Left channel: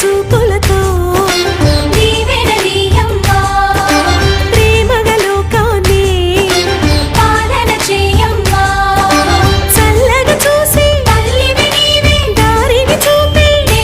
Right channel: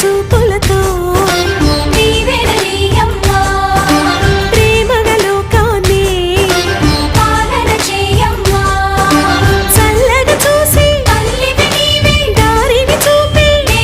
చూపులతో